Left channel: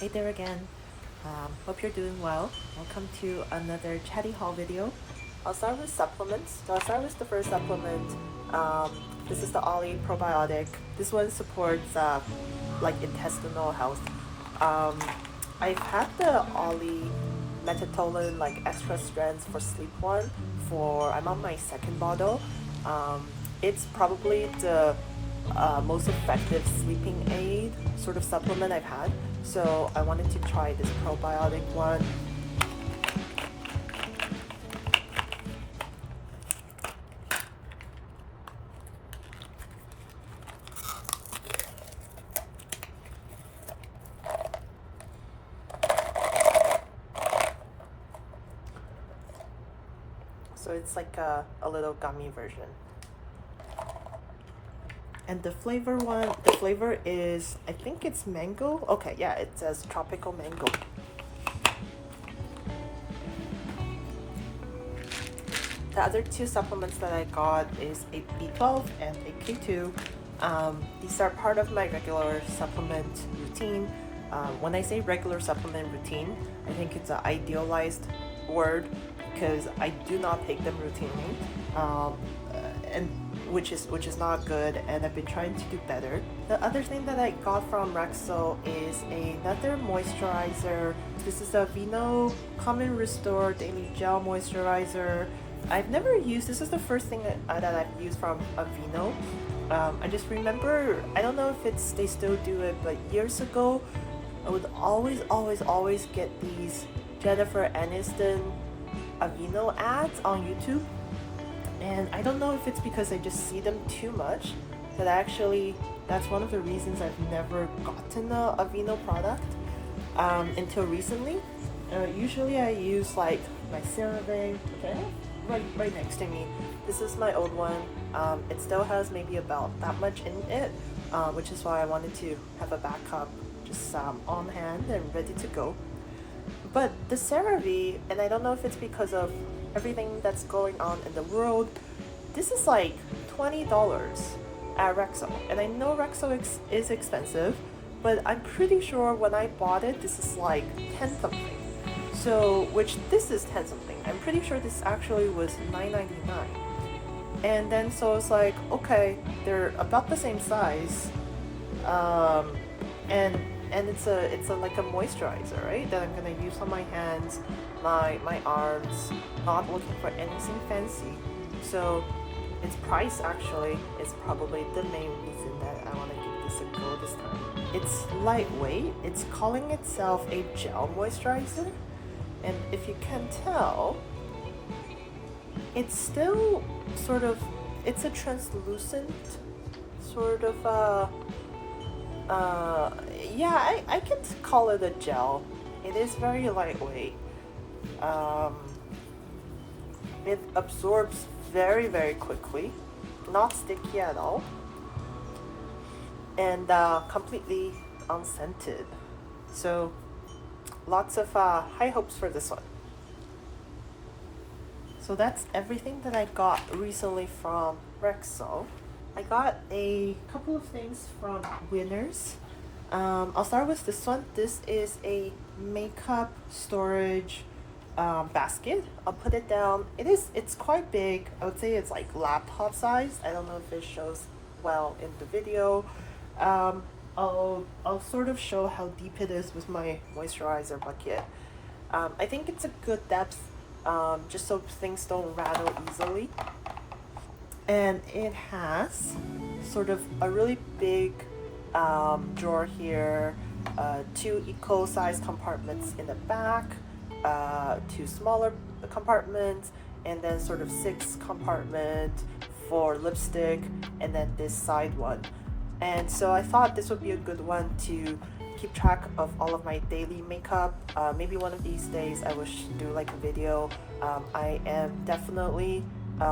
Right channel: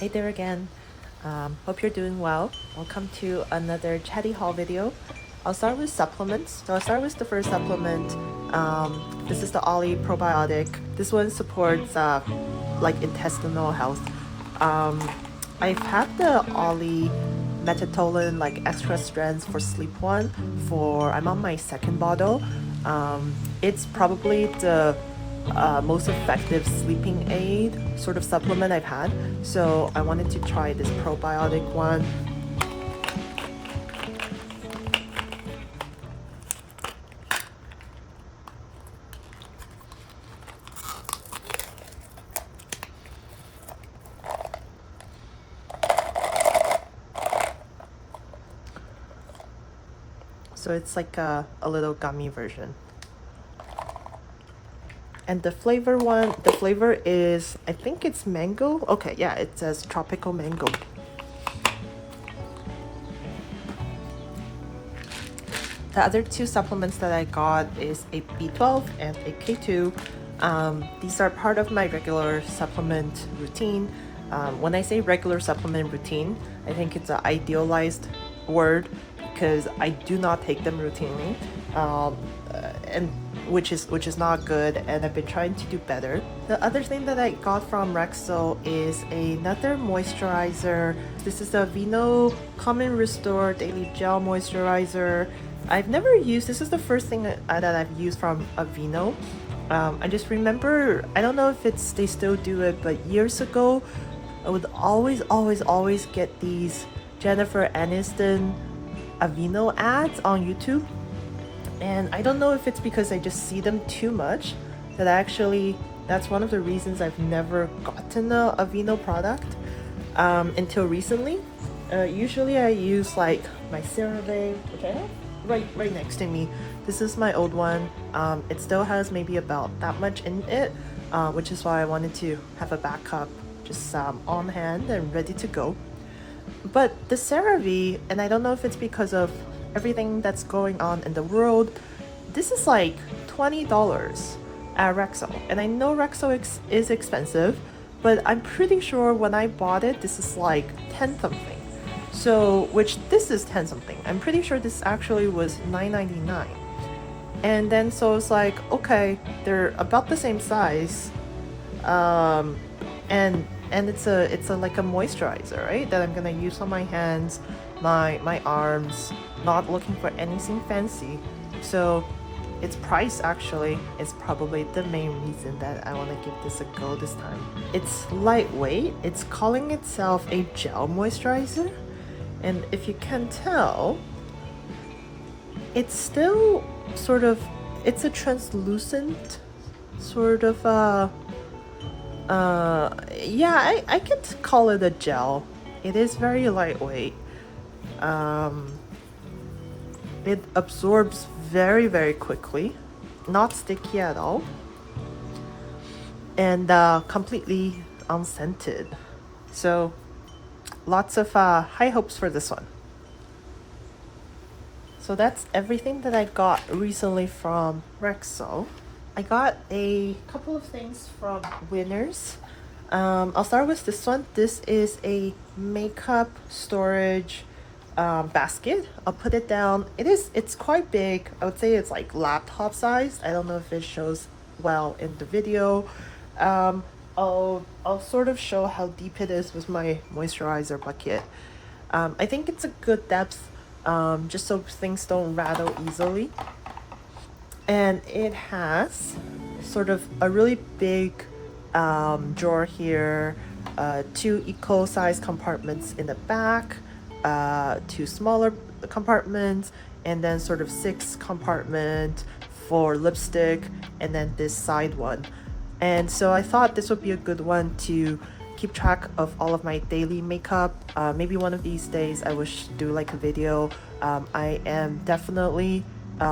Hey there again. Hope you're doing well. Welcome to another chatty haul video. I'll start with supplements. So I'll start with the first supplement. This is the Ollie probiotic. This one supports like intestinal health. Um, I've had the Ollie metatolan like extra strands for sleep one for I'm on my second bottle. It's probably the most effective sleeping aid sort of supplement I've had. So I wanted to try this probiotic one. So it's like a little gummy version. And the flavor is, I think it's mango. Okay, yeah, it says tropical mango. The other two supplements that I got is a B12 and a K2. These are part of my regular supplement routine. When I say regular supplement routine, I think it's an idealized word because I do not take them routinely. And which is not good, and I've been trying to do better. The other thing that I got from Rexo is another moisturizer. This is the Vino Common Restore Daily Gel Moisturizer. I've never used, this is the first thing that I've used from Aveeno. I just remember, I don't know if they still do it, but years ago I would always get these Jennifer Aniston Aveeno ads on YouTube. And I don't know if it's because I just see them too much that that's one of the reasons I've never gotten a Aveeno product until recently. Usually I use like my CeraVe, which I have right next to me. This is my old one. It still has maybe about that much in it, which is why I wanted to have a backup just on hand and ready to go. But the CeraVe, and I don't know if it's because of everything that's going on in the world, this is like $20 at Rexo. And I know Rexo is expensive, but I'm pretty sure when I bought it, this is like 10 something. So, which this is 10 something. I'm pretty sure this actually was $9.99. And then so it's like, okay, they're about the same size. And it's a like a moisturizer, right? That I'm gonna use on my hands, my arms, not looking for anything fancy. So its price actually is probably the main reason that I want to give this a go this time. It's lightweight. It's calling itself a gel moisturizer, and if you can tell, it's still sort of, it's a translucent sort of yeah, I could call it a gel. It is very lightweight. It absorbs very quickly, not sticky at all, and completely unscented. So lots of high hopes for this one. So that's everything that I got recently from Rexo. I got a couple of things from Winners. I'll start with this one. This is a makeup storage basket. I'll put it down. It's quite big. I would say it's like laptop size. I don't know if it shows well in the video. I'll sort of show how deep it is with my moisturizer bucket. I think it's a good depth, just so things don't rattle easily. And it has sort of a really big drawer here, two equal size compartments in the back, two smaller compartments, and then sort of 6 compartment for lipstick, and then this side one. And so I thought this would be a good one to keep track of all of my daily makeup. Maybe one of these days I will do like a video. I am definitely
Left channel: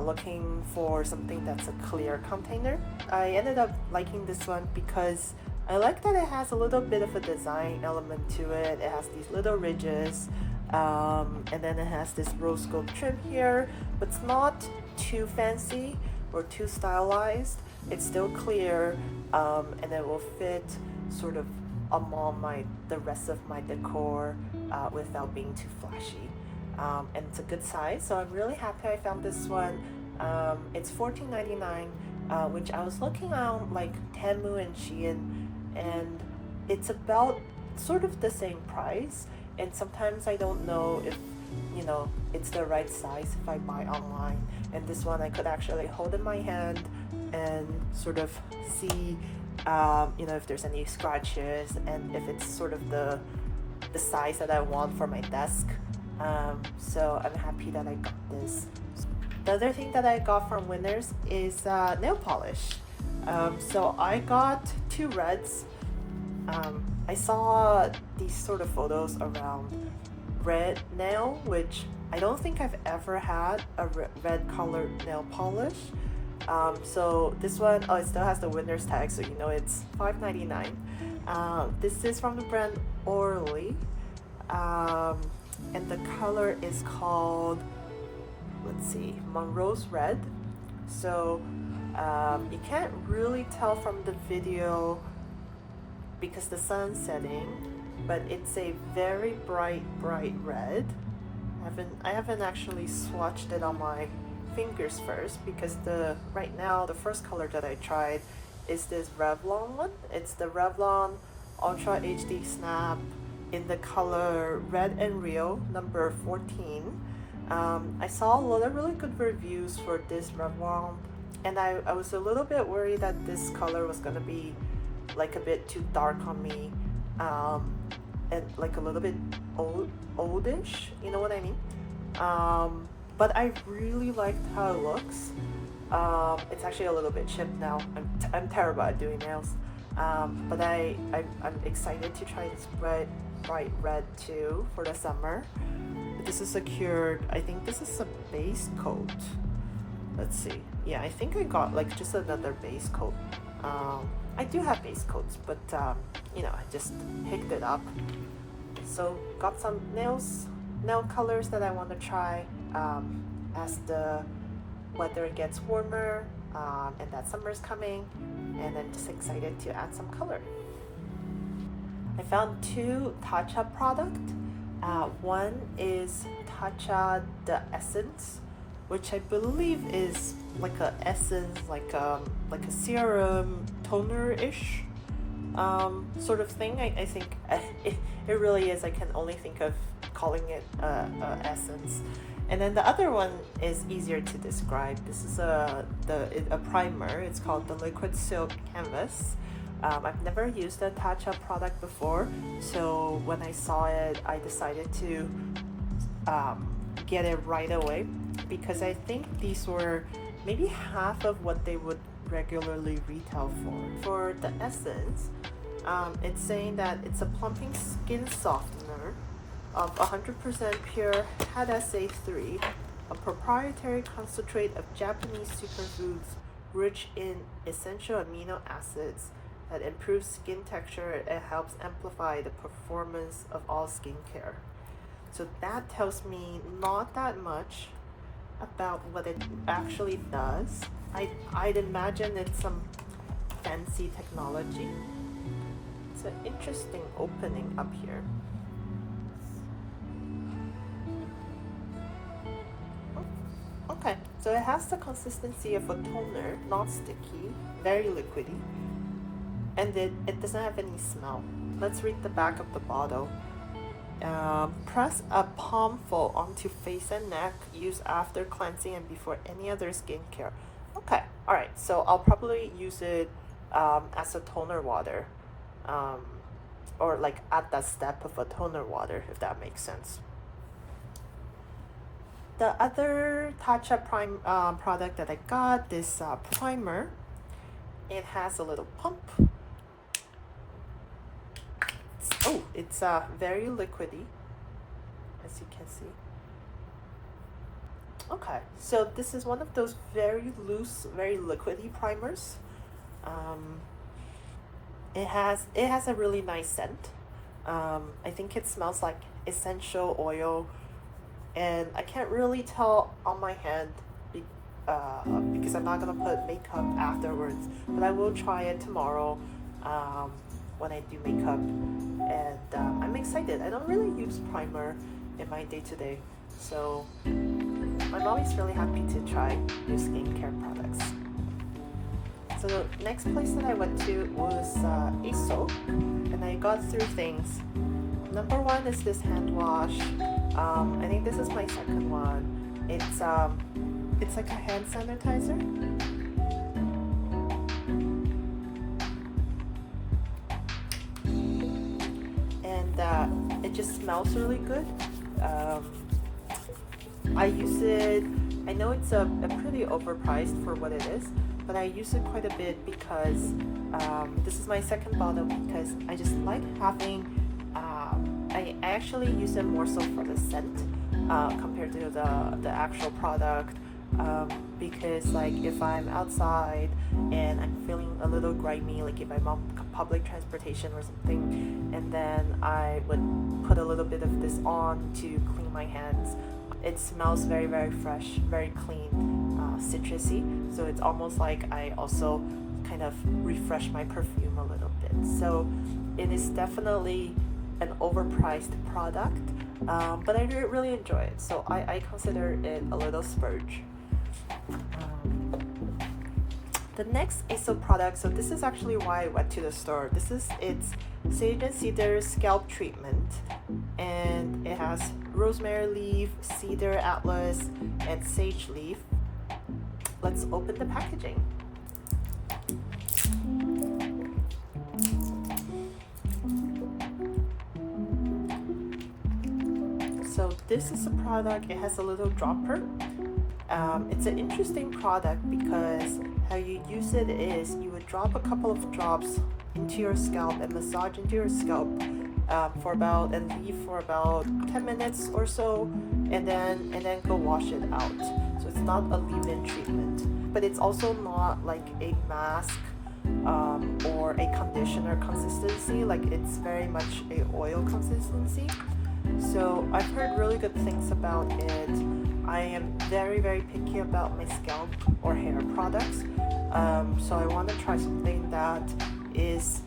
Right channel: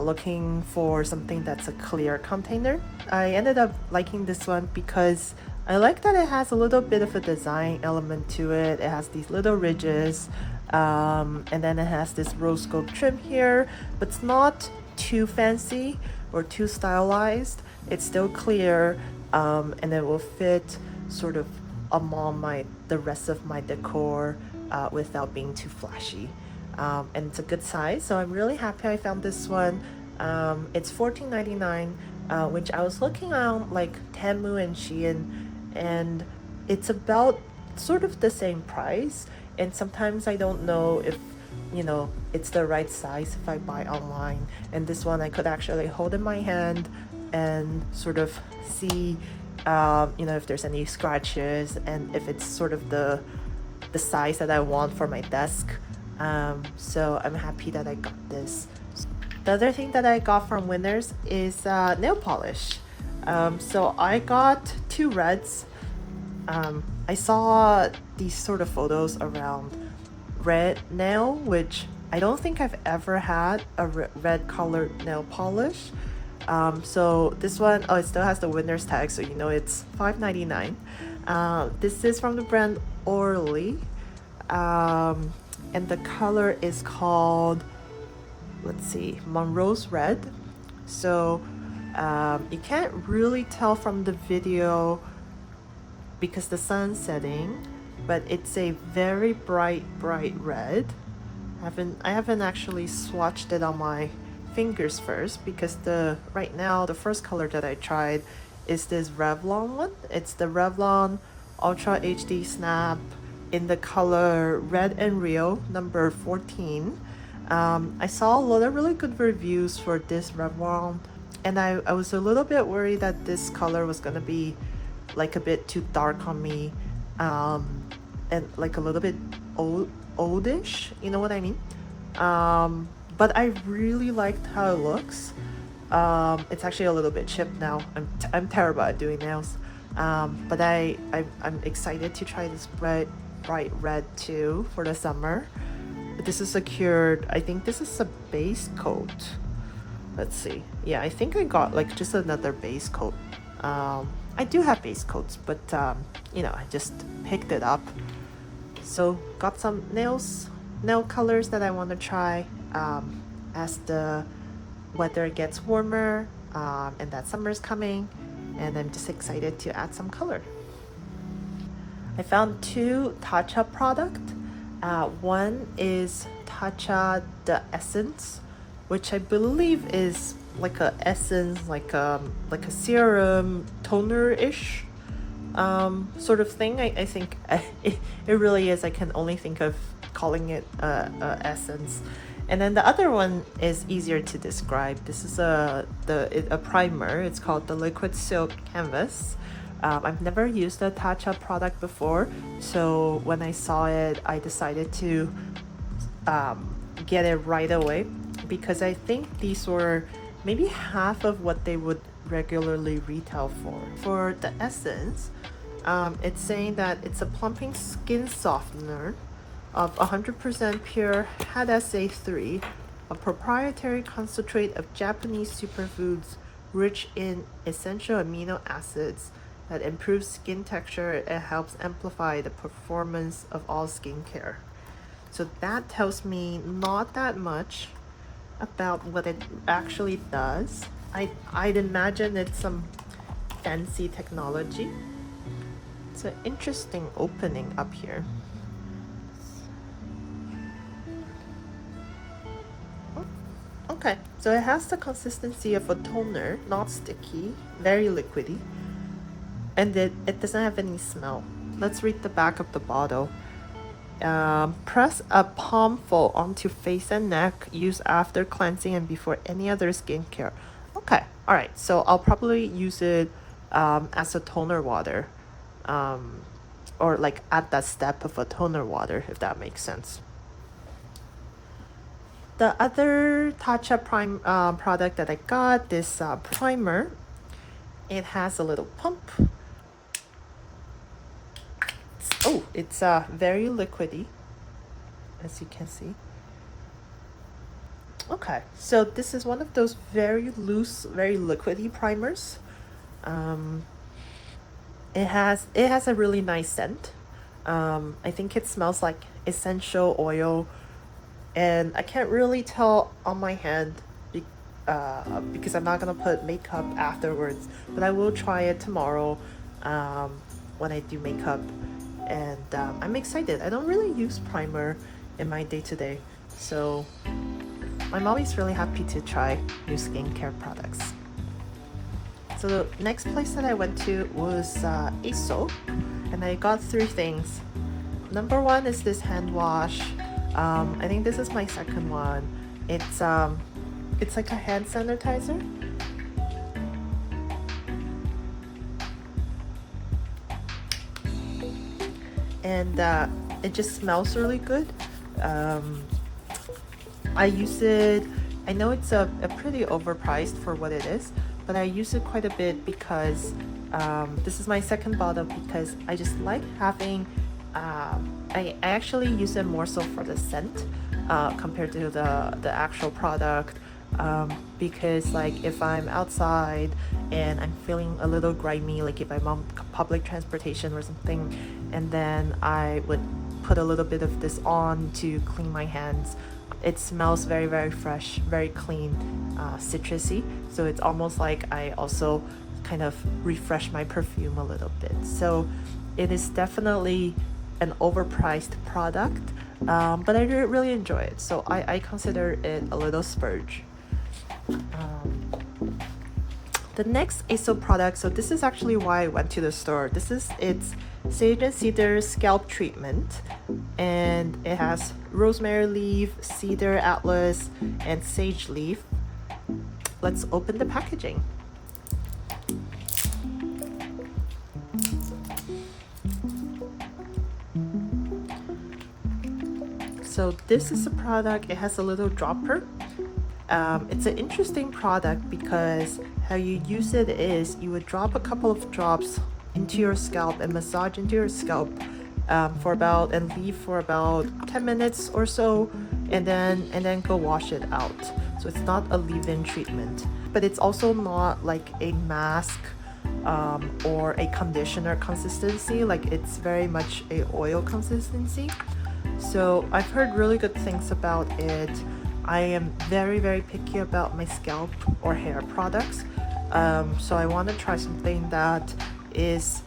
looking for something that's a clear container. I ended up liking this one because I like that it has a little bit of a design element to it. It has these little ridges, and then it has this rose gold trim here, but it's not too fancy or too stylized. It's still clear, and it will fit sort of among the rest of my decor without being too flashy. And it's a good size, so I'm really happy I found this one. It's $14.99, which I was looking on like Temu and Shein, and it's about sort of the same price. And sometimes I don't know if it's the right size if I buy online. And this one I could actually hold in my hand and sort of see if there's any scratches and if it's sort of the size that I want for my desk. So I'm happy that I got this. The other thing that I got from Winners is nail polish. So I got 2 reds. I saw these sort of photos around red nail, which I don't think I've ever had a red colored nail polish. So this one, it still has the Winners tag, so it's $5.99. This is from the brand Orly, and the color is called, let's see, Monroe's Red. So you can't really tell from the video because the sun's setting, but it's a very bright red. I haven't actually swatched it on my fingers first, because right now the first color that I tried is this Revlon one. It's the Revlon Ultra HD Snap in the color Red and Rio number 14. I saw a lot of really good reviews for this Revlon, and I was a little bit worried that this color was gonna be like a bit too dark on me, and like a little bit oldish, you know what I mean? But I really liked how it looks. It's actually a little bit chipped now. I'm terrible at doing nails, but I'm excited to try this bright red too for the summer. But this is secured. I think this is a base coat. Let's see. Yeah, I think I got like just another base coat. I do have base coats, but I just picked it up. So got some nail colors that I want to try as the weather gets warmer, and that summer's coming, and I'm just excited to add some color. I found 2 Tatcha products. One is Tatcha the Essence, which I believe is like a essence, like a serum toner-ish sort of thing. I think it really is. I can only think of calling it essence. And then the other one is easier to describe. This is a primer. It's called the Liquid Silk Canvas. I've never used a Tatcha product before, so when I saw it, I decided to get it right away, because I think these were maybe half of what they would regularly retail for. For the essence, it's saying that it's a plumping skin softener of 100% pure HADSA3, a proprietary concentrate of Japanese superfoods rich in essential amino acids that improves skin texture and helps amplify the performance of all skincare. So that tells me not that much about what it actually does. I'd imagine it's some fancy technology. It's an interesting opening up here. Okay, so it has the consistency of a toner, not sticky, very liquidy, and it doesn't have any smell. Let's read the back of the bottle. Press a palmful onto face and neck. Use after cleansing and before any other skincare. Okay, all right. So I'll probably use it as a toner water, or like at that step of a toner water, if that makes sense. The other Tatcha product that I got, this primer, it has a little pump. It's very liquidy, as you can see. Okay, so this is one of those very loose, very liquidy primers. It has a really nice scent. I think it smells like essential oil, and I can't really tell on my hand because I'm not gonna put makeup afterwards, but I will try it tomorrow when I do makeup, and I'm excited. I don't really use primer in my day-to-day, so I'm always really happy to try new skincare products. So the next place that I went to was Aesop, and I got 3 things. Number 1 is this hand wash. I think this is my second one. It's like a hand sanitizer. And it just smells really good. I use it, I know it's a pretty overpriced for what it is, but I use it quite a bit because this is my second bottle, because I just like having, I actually use it more so for the scent compared to the actual product, because like if I'm outside and I'm feeling a little grimy, like if I'm on public transportation or something, and then I would put a little bit of this on to clean my hands. It smells very, very fresh, very clean, citrusy, so it's almost like I also kind of refresh my perfume a little bit. So it is definitely an overpriced product, but I really enjoy it, so I consider it a little splurge. The next Aesop product, so this is actually why I went to the store. It's Sage and Cedar Scalp Treatment, and it has rosemary leaf, cedar atlas, and sage leaf. Let's open the packaging. So this is a product, it has a little dropper. It's an interesting product because how you use it is you would drop a couple of drops into your scalp and massage into your scalp and leave for about 10 minutes or so, and then go wash it out. So it's not a leave-in treatment, but it's also not like a mask or a conditioner consistency. Like it's very much a oil consistency. So I've heard really good things about it. I am very, very picky about my scalp or hair products, so I want to try something that is,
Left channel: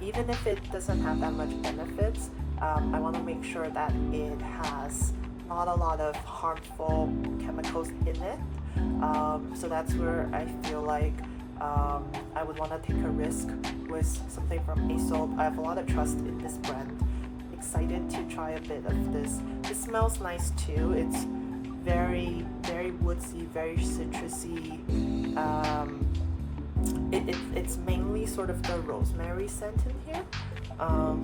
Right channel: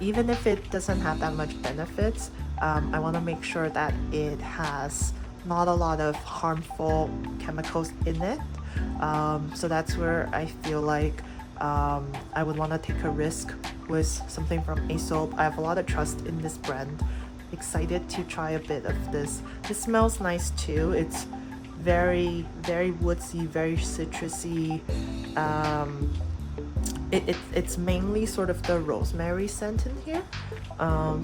even if it doesn't have that much benefits, I want to make sure that it has not a lot of harmful chemicals in it. So that's where I feel like I would want to take a risk with something from Aesop. I have a lot of trust in this brand. Excited to try a bit of this. It smells nice too. It's very, very woodsy, very citrusy. It's mainly sort of the rosemary scent in here,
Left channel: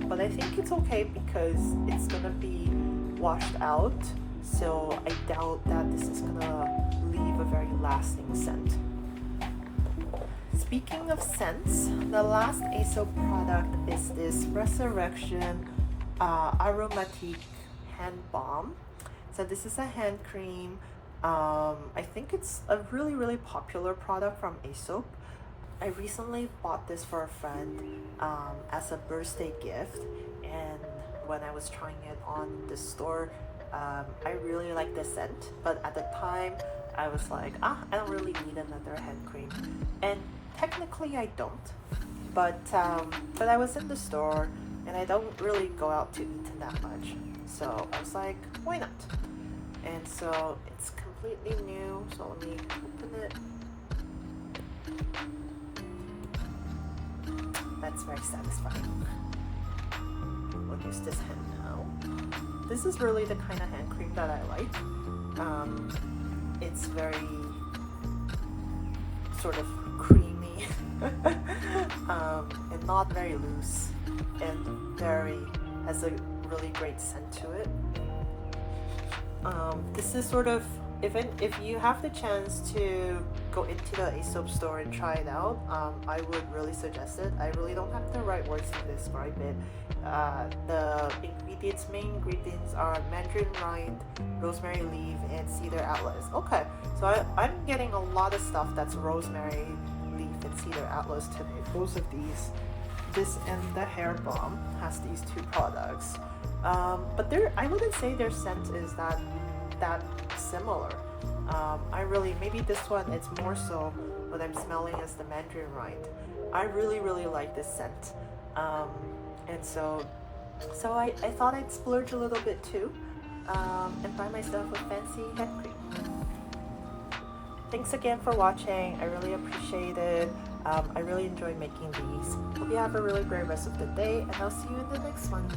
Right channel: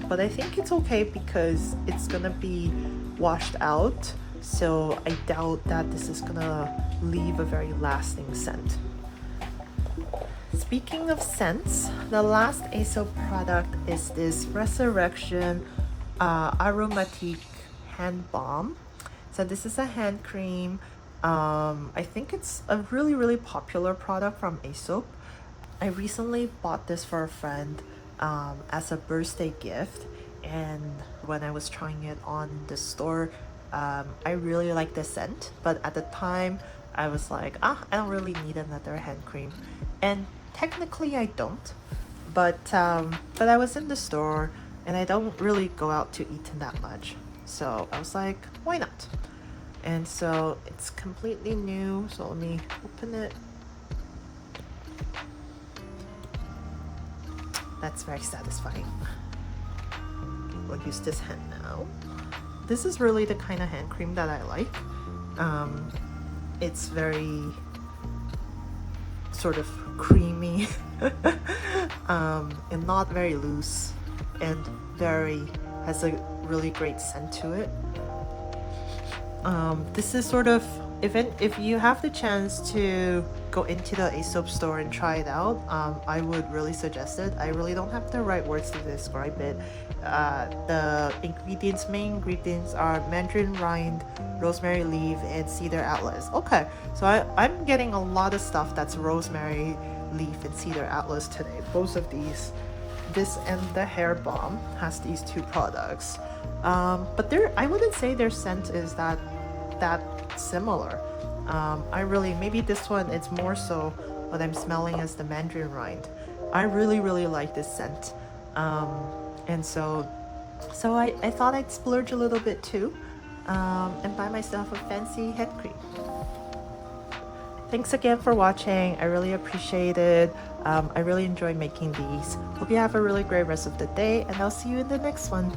but I think it's okay because it's gonna be washed out, so I doubt that this is gonna leave a very lasting scent. Speaking of scents, the last Aesop product is this Resurrection Aromatique Hand Balm. So this is a hand cream. I think it's a really, really popular product from Aesop. I recently bought this for a friend as a birthday gift, and when I was trying it on the store, I really liked the scent, but at the time I was like, I don't really need another hand cream, and technically I don't, but I was in the store and I don't really go out to eat that much, so I was like, why not? And so it's completely new, so let me open it. That's very satisfying. We'll use this hand now. This is really the kind of hand cream that I like. It's very sort of creamy and not very loose, and has a really great scent to it. This is sort of, if you have the chance to go into the Aesop store and try it out, I would really suggest it. I really don't have the right words to describe it. The main ingredients are mandarin rind, rosemary leaf, and cedar atlas. Okay, so I'm getting a lot of stuff that's rosemary leaf and cedar atlas today. Both of these. This and the hair balm has these 2 products, but I wouldn't say their scent is that similar. Maybe this one, it's more so what I'm smelling is the mandarin rind. I really, really like this scent. And so I thought I'd splurge a little bit too, and buy myself a fancy head cream. Thanks again for watching. I really appreciate it. I really enjoy making these. Hope you have a really great rest of the day, and I'll see you in the next one.